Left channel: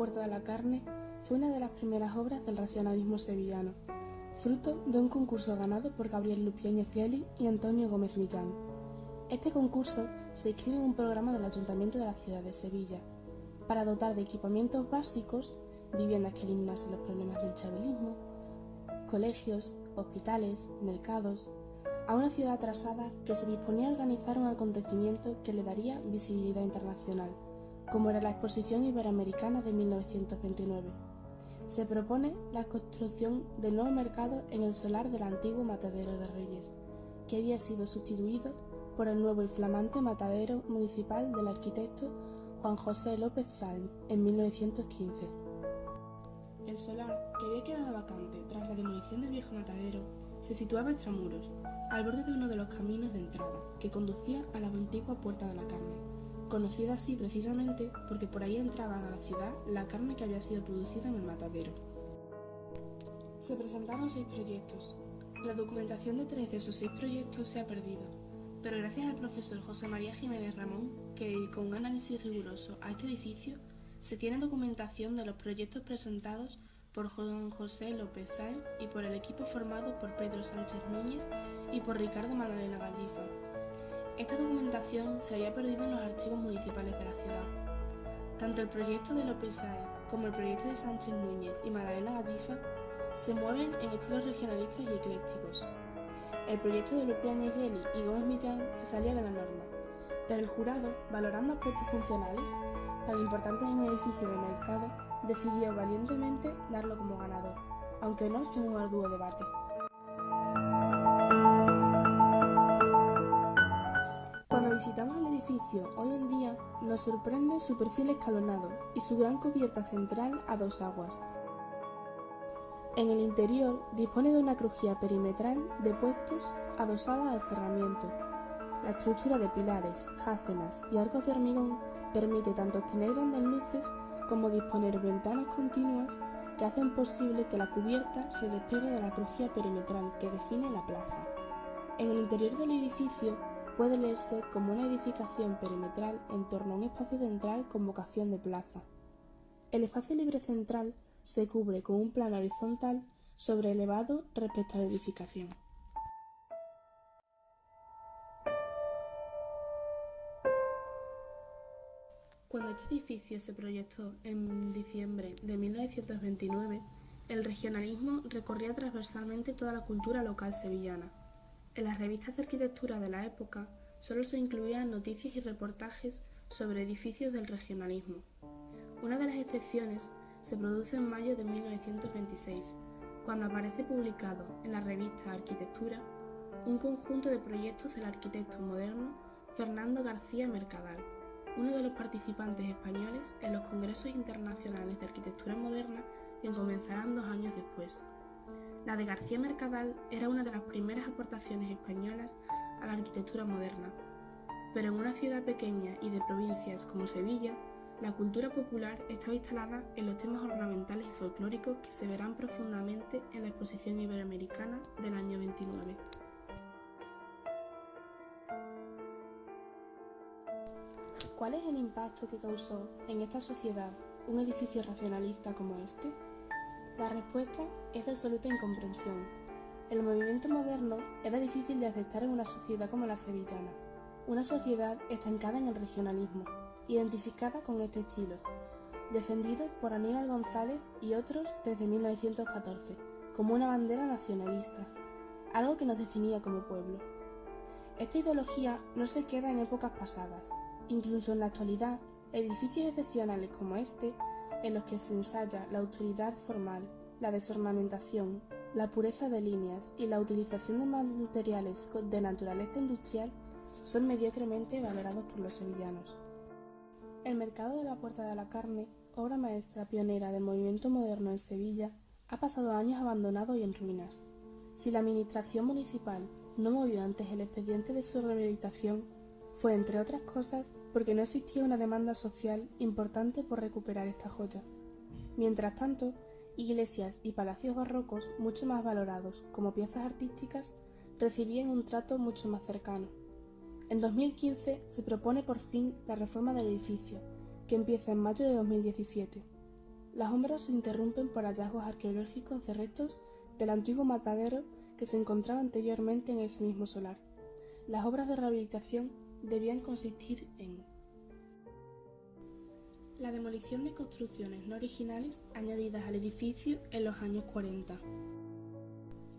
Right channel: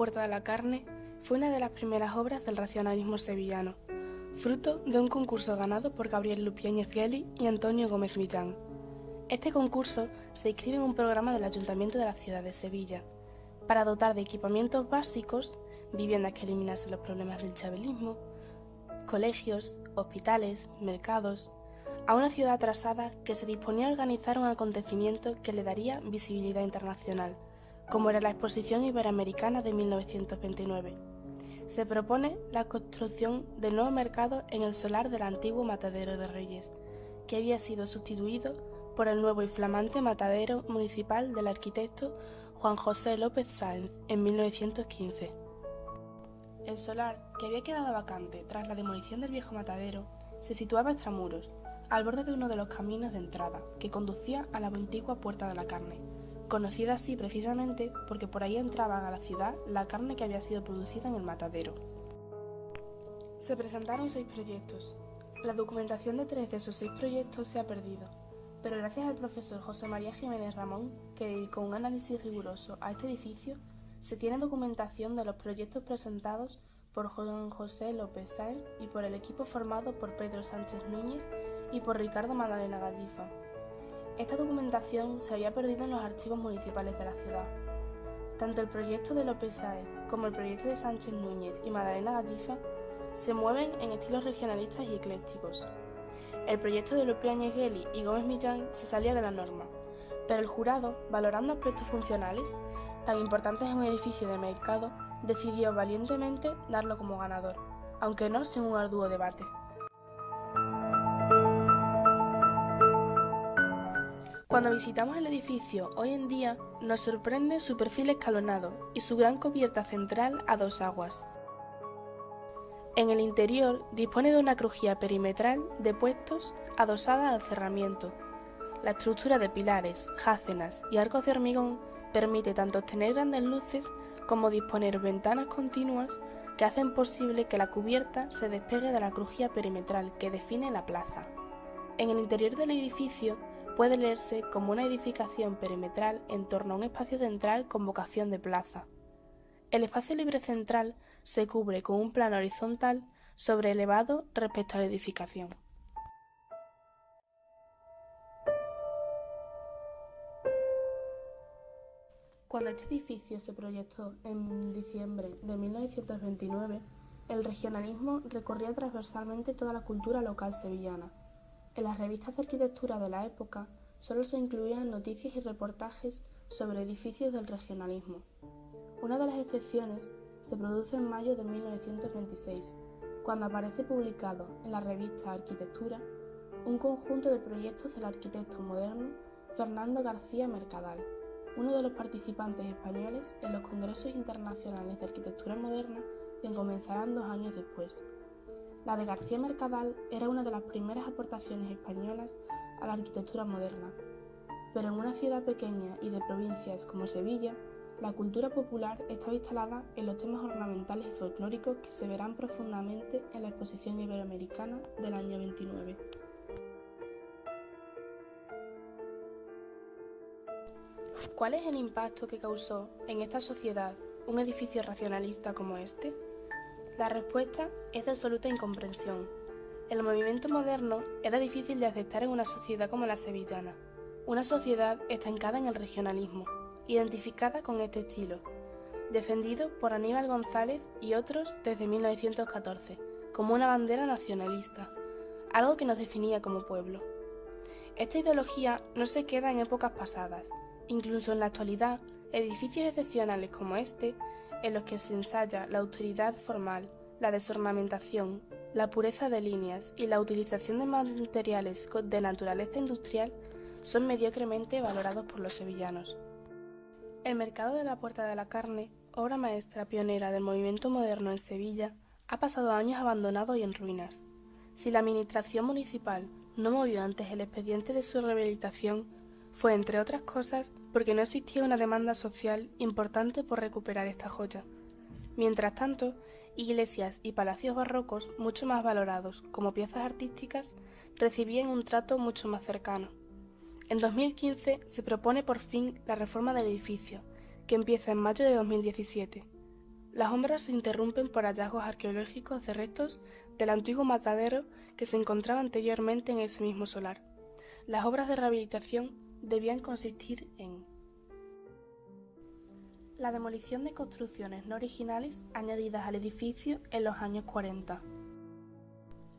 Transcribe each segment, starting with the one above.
Puerta de la Carne fue una de las primeras obras del racionalismo sevillano, fruto de un concurso ganado por Gabriel Lupiáñez Gelli y Antonio Gómez Millán. Este concurso se inscribe en un programa del Ayuntamiento de la ciudad de Sevilla, para dotar de equipamientos básicos, viviendas que eliminasen los problemas del chavelismo, colegios, hospitales, mercados, a una ciudad atrasada que se disponía a organizar un acontecimiento que le daría visibilidad internacional, como era la Exposición Iberoamericana de 1929. Se propone la construcción del nuevo mercado en el solar del antiguo Matadero de Reyes, que había sido sustituido por el nuevo y flamante matadero municipal del arquitecto Juan José López Sáenz en 1915. El solar, que había quedado vacante tras la demolición del viejo matadero, se situaba extramuros, al borde de uno de los caminos de entrada que conducía a la antigua Puerta de la Carne, conocida así precisamente porque por ahí entraba a la ciudad la carne que había sido producida en el matadero. Se presentaron 6 proyectos. La documentación de 3 de esos 6 proyectos se ha perdido, pero gracias al profesor José María Jiménez Ramón, que dedicó un análisis riguroso a este edificio, se tiene documentación de los proyectos presentados por Juan José López Sáenz y por el equipo formado por Pedro Sánchez Núñez y por Ricardo Magdalena Gallifa. Esta documentación se había perdido en los archivos municipales de la ciudad. Tanto el proyecto de López Sáenz como el proyecto de Sánchez Núñez y Magdalena Gallifa se mueven en estilos regionalistas y eclécticos. El proyecto de Lupiáñez Gelli y Gómez Millán se salía de la norma, pero el jurado, valorando aspectos funcionales tan importantes en un edificio de mercado, decidió valientemente darlo como ganador, aunque no sin un arduo debate. Cuando visitamos el edificio hoy en día, nos sorprende su perfil escalonado y su gran cubierta central a 2 aguas. En el interior dispone de una crujía perimetral de puestos adosada al cerramiento. La estructura de pilares, jácenas y arcos de hormigón permite tanto obtener grandes luces como disponer ventanas continuas que hacen posible que la cubierta se despegue de la crujía perimetral que define la plaza. En el interior del edificio puede leerse como una edificación perimetral en torno a un espacio central con vocación de plaza. El espacio libre central se cubre con un plano horizontal sobreelevado respecto a la edificación. Cuando este edificio se proyectó en diciembre de 1929, el regionalismo recorría transversalmente toda la cultura local sevillana. En las revistas de arquitectura de la época solo se incluían noticias y reportajes sobre edificios del regionalismo. Una de las excepciones se produce en mayo de 1926, cuando aparece publicado en la revista Arquitectura un conjunto de proyectos del arquitecto moderno Fernando García Mercadal, uno de los participantes españoles en los congresos internacionales de arquitectura moderna que comenzarán 2 años después. La de García Mercadal era una de las primeras aportaciones españolas a la arquitectura moderna, pero en una ciudad pequeña y de provincias como Sevilla, la cultura popular estaba instalada en los temas ornamentales y folclóricos que se verán profundamente en la Exposición Iberoamericana del año 29. ¿Cuál es el impacto que causó en esta sociedad un edificio racionalista como este? La respuesta es de absoluta incomprensión. El movimiento moderno era difícil de aceptar en una sociedad como la sevillana, una sociedad estancada en el regionalismo, identificada con este estilo, defendido por Aníbal González y otros desde 1914, como una bandera nacionalista, algo que nos definía como pueblo. Esta ideología no se queda en épocas pasadas. Incluso en la actualidad, edificios excepcionales como este, en los que se ensaya la austeridad formal, la desornamentación, la pureza de líneas y la utilización de materiales de naturaleza industrial, son mediocremente valorados por los sevillanos. El mercado de la Puerta de la Carne, obra maestra pionera del movimiento moderno en Sevilla, ha pasado años abandonado y en ruinas. Si la administración municipal no movió antes el expediente de su rehabilitación, fue, entre otras cosas, porque no existía una demanda social importante por recuperar esta joya. Mientras tanto, iglesias y palacios barrocos, mucho más valorados como piezas artísticas, recibían un trato mucho más cercano. En 2015 se propone por fin la reforma del edificio, que empieza en mayo de 2017. Las obras se interrumpen por hallazgos arqueológicos de restos del antiguo matadero que se encontraba anteriormente en ese mismo solar. Las obras de rehabilitación debían consistir en la demolición de construcciones no originales añadidas al edificio en los años 40,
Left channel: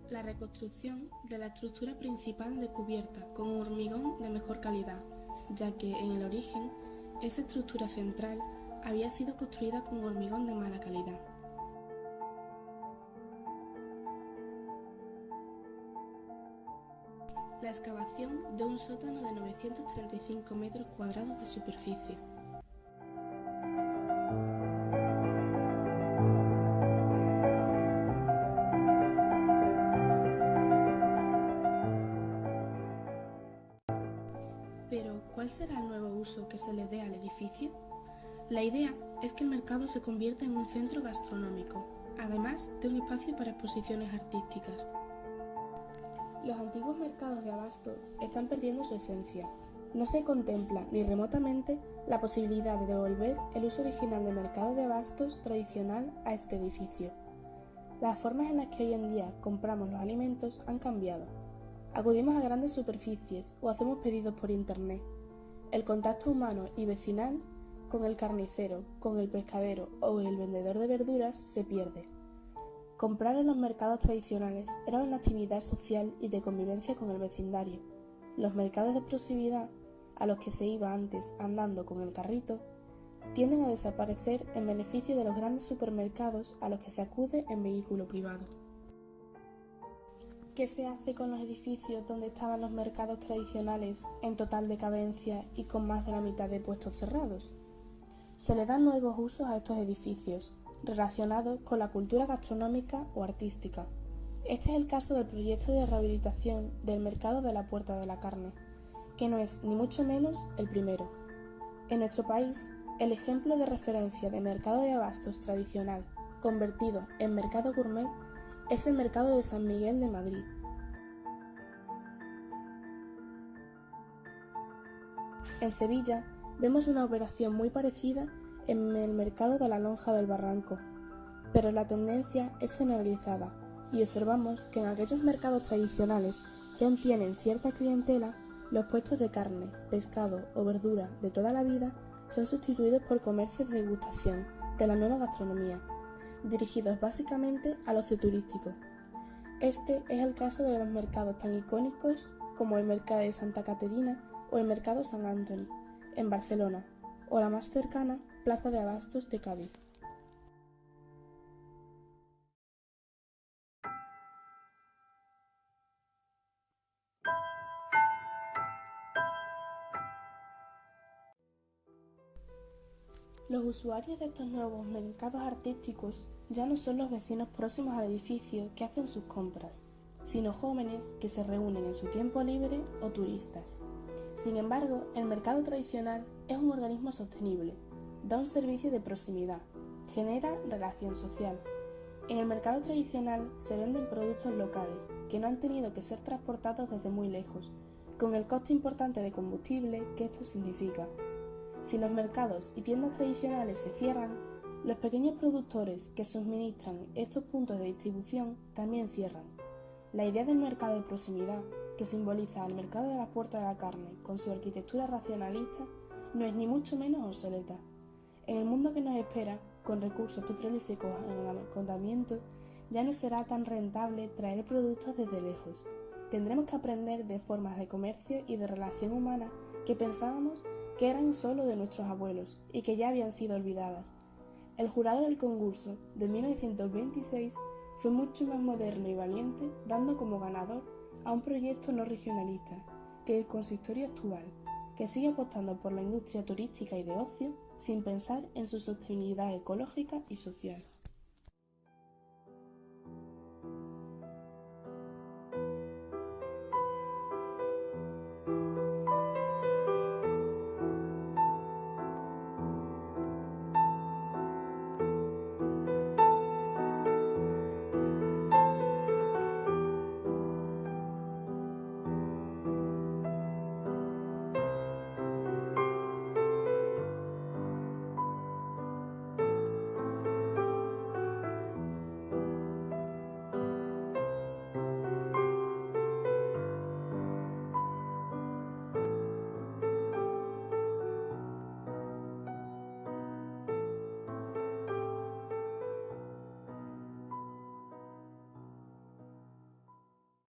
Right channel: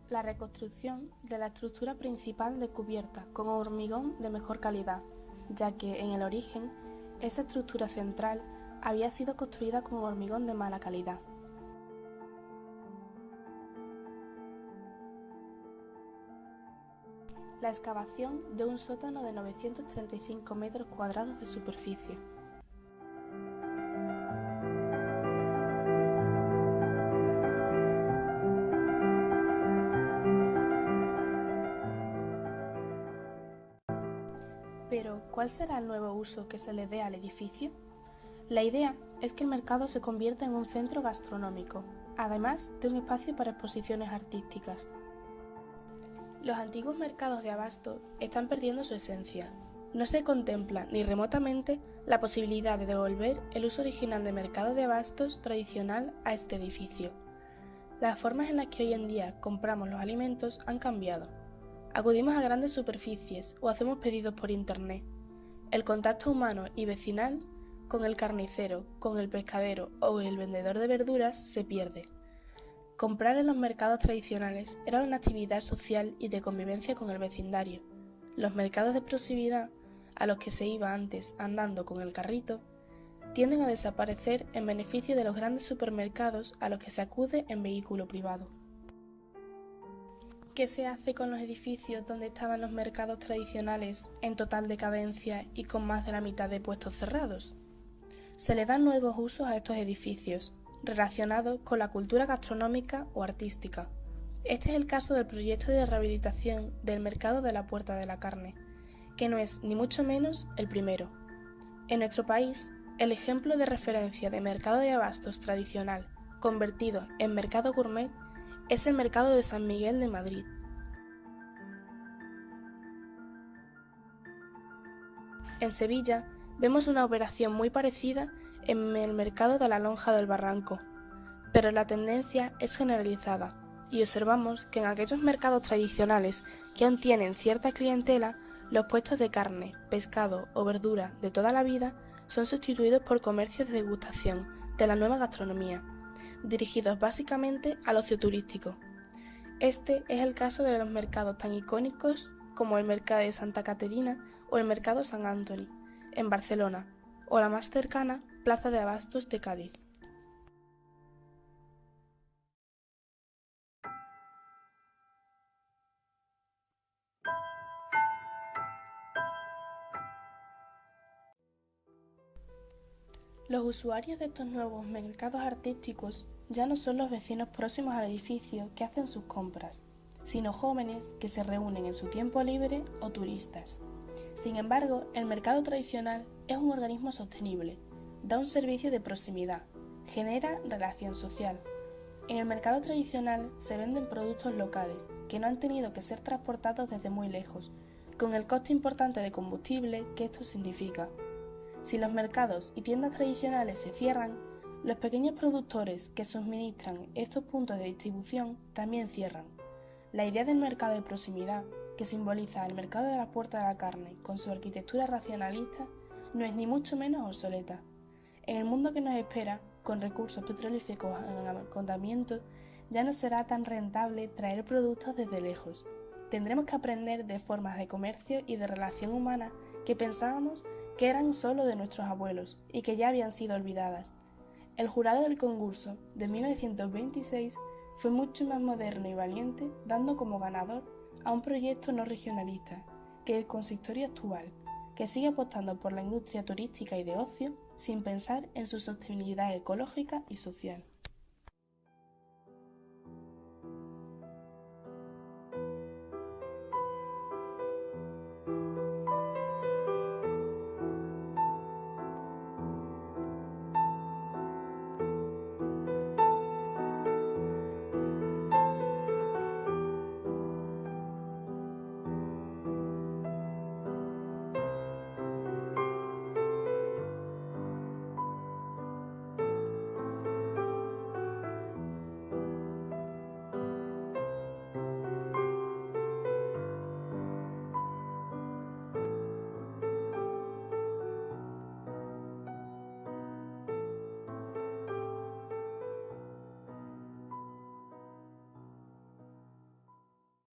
la reconstrucción de la estructura principal de cubierta con hormigón de mejor calidad, ya que en el origen esa estructura central había sido construida con hormigón de mala calidad. La excavación de un sótano de 935 metros cuadrados de superficie. Pero, ¿cuál será el nuevo uso que se le dé al edificio? La idea es que el mercado se convierta en un centro gastronómico, además de un espacio para exposiciones artísticas. Los antiguos mercados de abasto están perdiendo su esencia. No se contempla ni remotamente la posibilidad de devolver el uso original de mercado de abastos tradicional a este edificio. Las formas en las que hoy en día compramos los alimentos han cambiado. Acudimos a grandes superficies o hacemos pedidos por internet. El contacto humano y vecinal con el carnicero, con el pescadero o el vendedor de verduras se pierde. Comprar en los mercados tradicionales era una actividad social y de convivencia con el vecindario. Los mercados de proximidad, a los que se iba antes andando con el carrito, tienden a desaparecer en beneficio de los grandes supermercados a los que se acude en vehículo privado. ¿Qué se hace con los edificios donde estaban los mercados tradicionales en total decadencia y con más de la mitad de puestos cerrados? Se le dan nuevos usos a estos edificios, relacionados con la cultura gastronómica o artística. Este es el caso del proyecto de rehabilitación del mercado de la Puerta de la Carne, que no es ni mucho menos el primero. En nuestro país, el ejemplo de referencia de mercado de abastos tradicional convertido en mercado gourmet es el mercado de San Miguel de Madrid. En Sevilla vemos una operación muy parecida en el mercado de la Lonja del Barranco, pero la tendencia es generalizada y observamos que en aquellos mercados tradicionales que aún tienen cierta clientela, los puestos de carne, pescado o verdura de toda la vida son sustituidos por comercios de degustación de la nueva gastronomía, dirigidos básicamente al ocio turístico. Este es el caso de los mercados tan icónicos como el Mercado de Santa Caterina o el Mercado Sant Antoni, en Barcelona, o la más cercana, Plaza de Abastos de Cádiz. Los usuarios de estos nuevos mercados artísticos ya no son los vecinos próximos al edificio que hacen sus compras, sino jóvenes que se reúnen en su tiempo libre o turistas. Sin embargo, el mercado tradicional es un organismo sostenible, da un servicio de proximidad, genera relación social. En el mercado tradicional se venden productos locales que no han tenido que ser transportados desde muy lejos, con el coste importante de combustible que esto significa. Si los mercados y tiendas tradicionales se cierran, los pequeños productores que suministran estos puntos de distribución también cierran. La idea del mercado de proximidad, que simboliza el mercado de la Puerta de la Carne con su arquitectura racionalista, no es ni mucho menos obsoleta. En el mundo que nos espera, con recursos petrolíferos en agotamiento, ya no será tan rentable traer productos desde lejos. Tendremos que aprender de formas de comercio y de relación humana que pensábamos que eran solo de nuestros abuelos y que ya habían sido olvidadas. El jurado del concurso de 1926 fue mucho más moderno y valiente, dando como ganador a un proyecto no regionalista que el consistorio actual, que sigue apostando por la industria turística y de ocio sin pensar en su sostenibilidad ecológica y social.